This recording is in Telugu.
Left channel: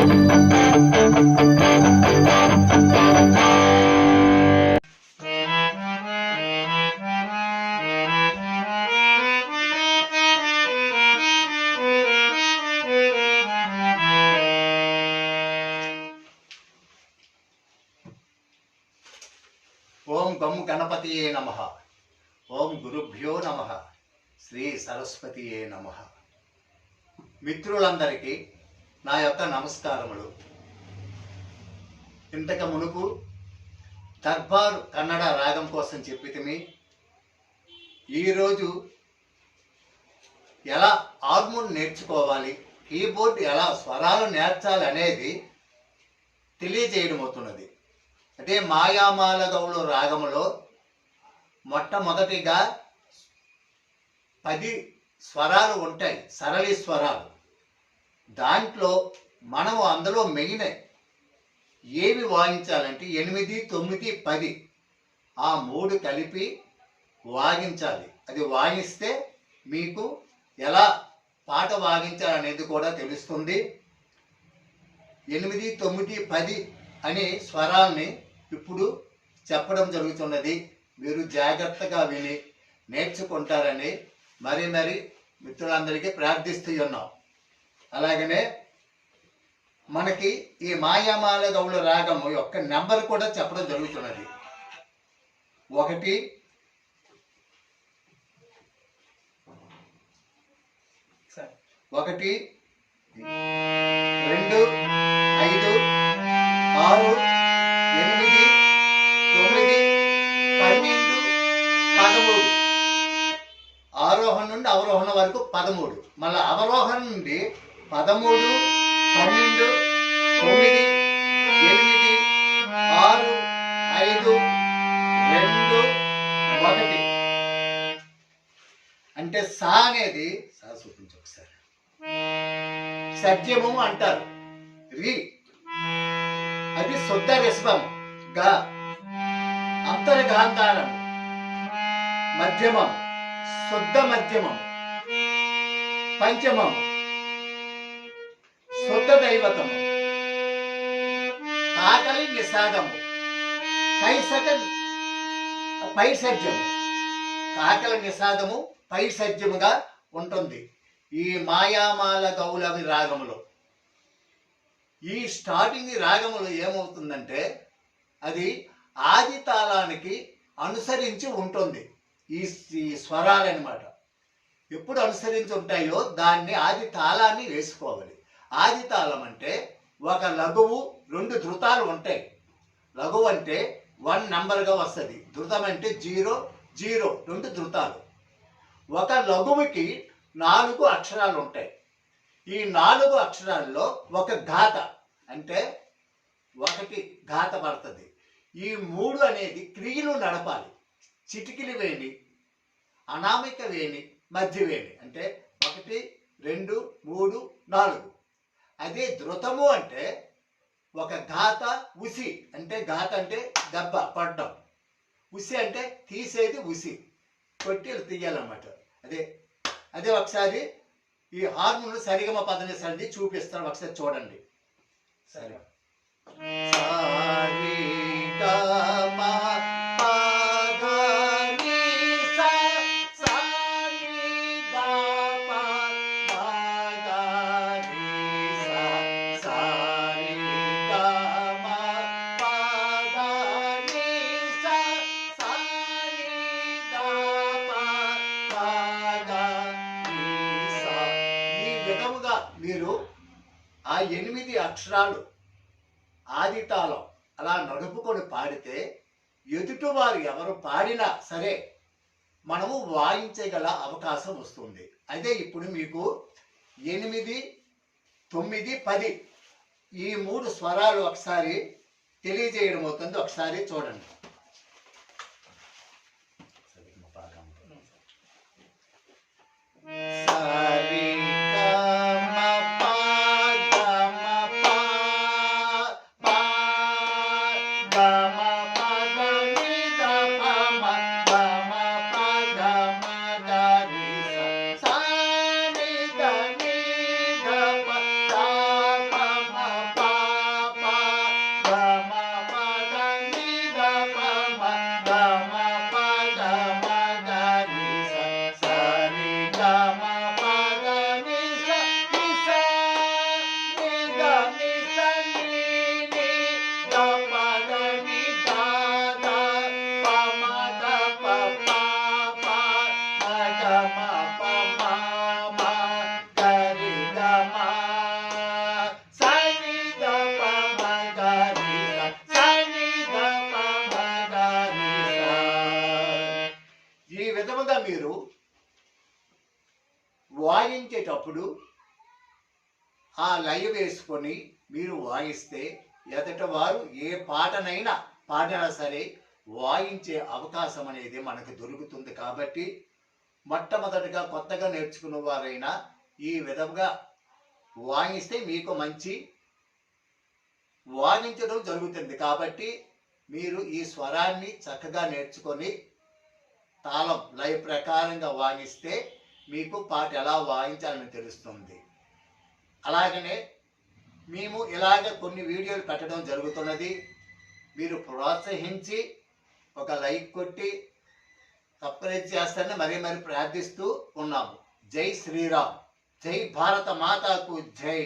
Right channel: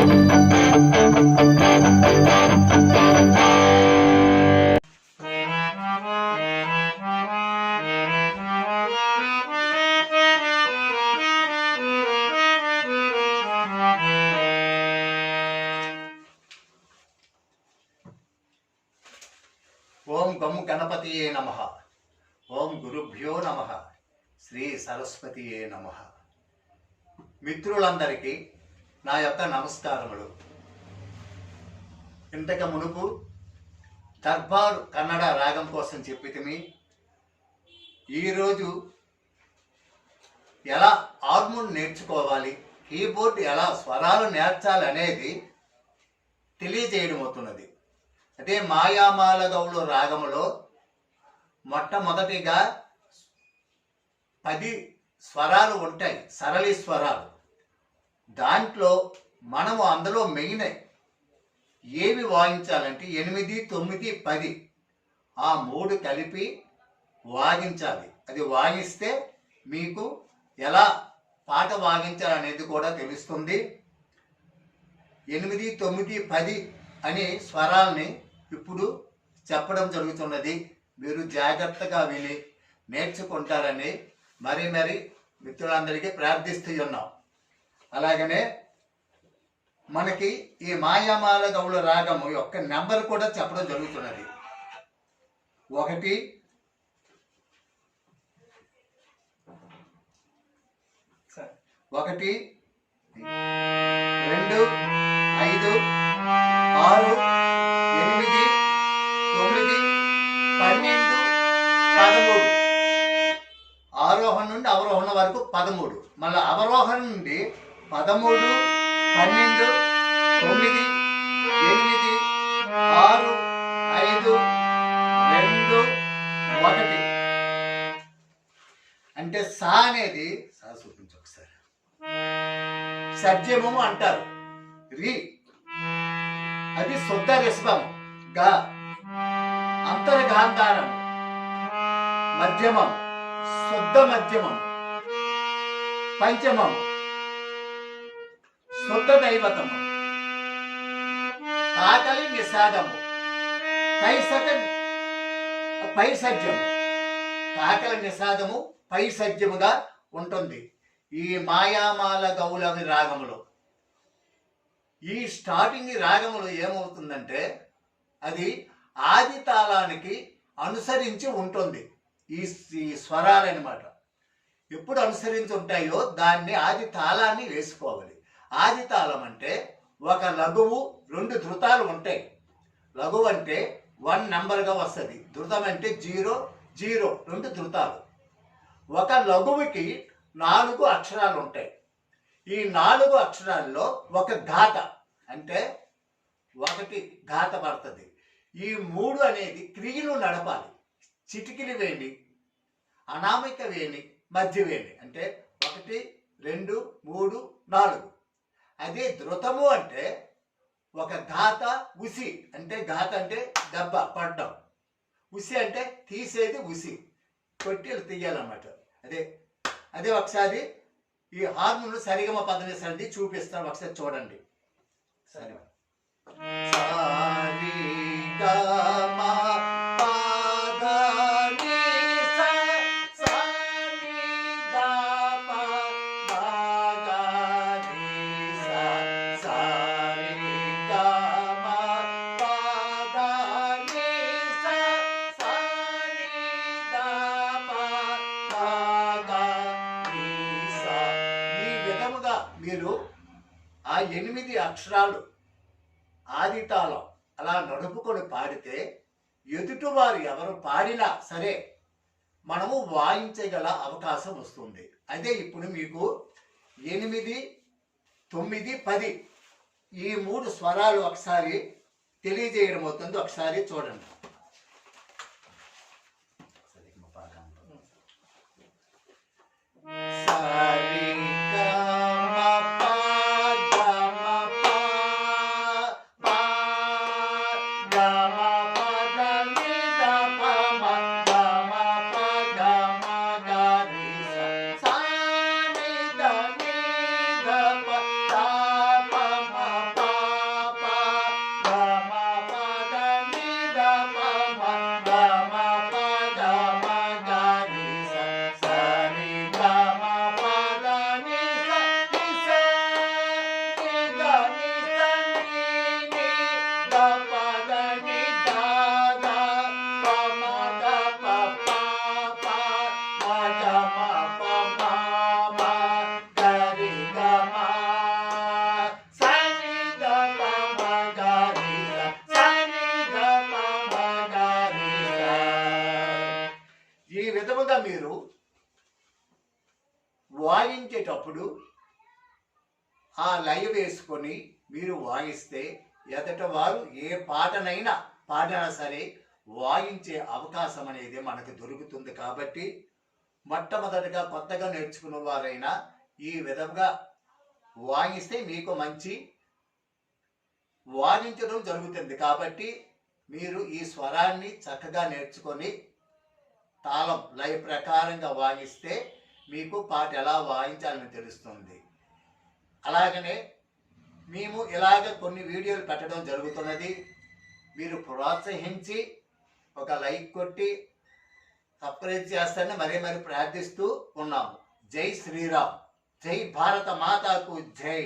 ఓం గం గణపతియే నమః. ఓం గురుభ్యో నమః. శ్రీ సరస్వతియే నమః. మిత్రులందరికీ నా యొక్క నమస్కారములు. ఇంతకు మునుపు దర్బార్ కన్నడ రాగం కోసం చెప్పితిమి. ఈరోజు ఎలా హార్మోన్ నేర్చుకోవాలి, కీబోర్డ్ ఎలా స్వరాలు నేర్చాలి అనేది తెలియజేయడం అవుతున్నది. అంటే మాయామాల గౌళ రాగములో మొట్టమొదటిగా 10 స్వరాలు ఉంటాయి, సరళి స్వరాలు. దాంట్లో మనము అందులో మెయిన్ ఏవి వాయించాలంటే 8, 9, 10 ఆ 3 కలిపి వాయించాలి. అది వాయిస్తే మీకు ఎలా పాట వాయించాలనేది కూడా తెలుస్తుంది. 8, 9, 10 అనే స్వరాల్ని ఇప్పుడు చెప్పడం జరుగుతున్నది. మీరు జాగ్రత్తగా విని నేర్చుకుంటారని మరి మిత్రులందరికీ ప్రార్థిస్తూ ఉన్నాం. అలాగనే మనకి ఈ మాయామాల గౌళ రాగము యొక్క నెంబర్ కూడా చెప్పడం జరుగుతున్నది. 1 1 2 5 6 8 9 12 13 ఆరోహణ నుండి అవరోహణ వరకు 13, మళ్ళీ అవరోహణ నుండి 13 12 9 8 6 5 2 1. అంటే సా అనేది సా చూపించు ఒకసారి. సజ్జము అంటారు. రి అది శుద్ధ రిషభం. గా అంతర్గాంధారం. మధ్యమం శుద్ధ మధ్యమం. పంచమం శుద్ధ దైవతము. కాకలి నిషాదము. పైసజ్యము. కాకలి నిషాదము పైసజ్యముగా ఉంటుంది ఈ మాయామాల గౌళవి రాగములో. ఈ స్టార్టింగ్ రాగములో ఏమవుతుందంటే అది ఆది తాళానికి అనుసరించి ఉంటుంది. ఈ స్వరాలన్నమాట ఎప్పుడు అనుసరించి ఉంటాయో దాన్ని ఆది తాళాన్ని వేసుకోవాలి. ఆది తాళం అంటే ఒక లఘువు 2 ధృతాలు ఉంటాయి. లఘువు అంటే 1 నంబర్గా వస్తుంది. ధృతం అంటే 0 0 2 ధృతాలు. ఒక లఘువుకి 4 అక్షరాలు ఉంటాయి. ఈ 4 అక్షరాల్లో ఒక ఘాత అంటే 1 ఘాత పడుతుంది. ఈ 3 అనేది క్రియలు నడపాలి. చిటికిలి వేణి, అనామిక వేణి, మధ్య వేణి అంటే 1 2 3 4. అదే ధృతము అంటే ఒక ఘాత ఉసి అంటే ఘాత అంటే దెబ్బ పడ్డం, ఉసి అంటే తీసేది, ఉసి కొట్టి తీయాలన్నమాట. అదే ఒకసారి ఈ హార్మోన్ సరిగమ పదని సరిది చూపిస్తాను, ఒకసారి చూడండి. సరే మీరు ఆ 8 అక్షరాలు ఆది తాళం అలా నడుపుకొని పాడితే ఎదుటివారు ఎవరు పాడినా సరే మనము వాయించగల అవకాశం వస్తుంది. అదే ఇప్పుడు మీకు 8, 9, 10 ఈ 3 స్వరాలు ఒకసారి తెలియజేయడం అవుతుంది. ఒకసారి చూడండి. మీరు వాయించేటప్పుడు ఆ లయ వేసుకొని మీరు వాయిస్తే ఎదట వారు ఏ పాటనైనా పాడినా సరే వాయించే అవకాశం అనేది మనకు దొరుకుతుంది. కాబట్టి మొట్టమొదటిగా కొత్తగా నేర్చుకున్న వారైనా ఈ విధంగా వాయిస్తే మీకు మంచి వాయించడం జరుగుతుంది. కాబట్టి మీరు ఈ స్వరాన్ని చక్కగా నేర్చుకొని తాళం లయ ప్రకారంగా వాయిస్తే మీకు పాట ఎలా వాయించాలని తెలుస్తుంది. అలాగనే మేము ఇలాగ కొన్ని వీడియోలు పెట్టడం జరుగుతున్నది. మీరు ప్రోత్సహించి ఒక లైక్ కొట్టి సబ్స్క్రైబ్ చేస్తారని మరీ ప్రార్థిస్తూ ఉన్నాము. జై శ్రీరామ్, జై భారత మాతాకు జై.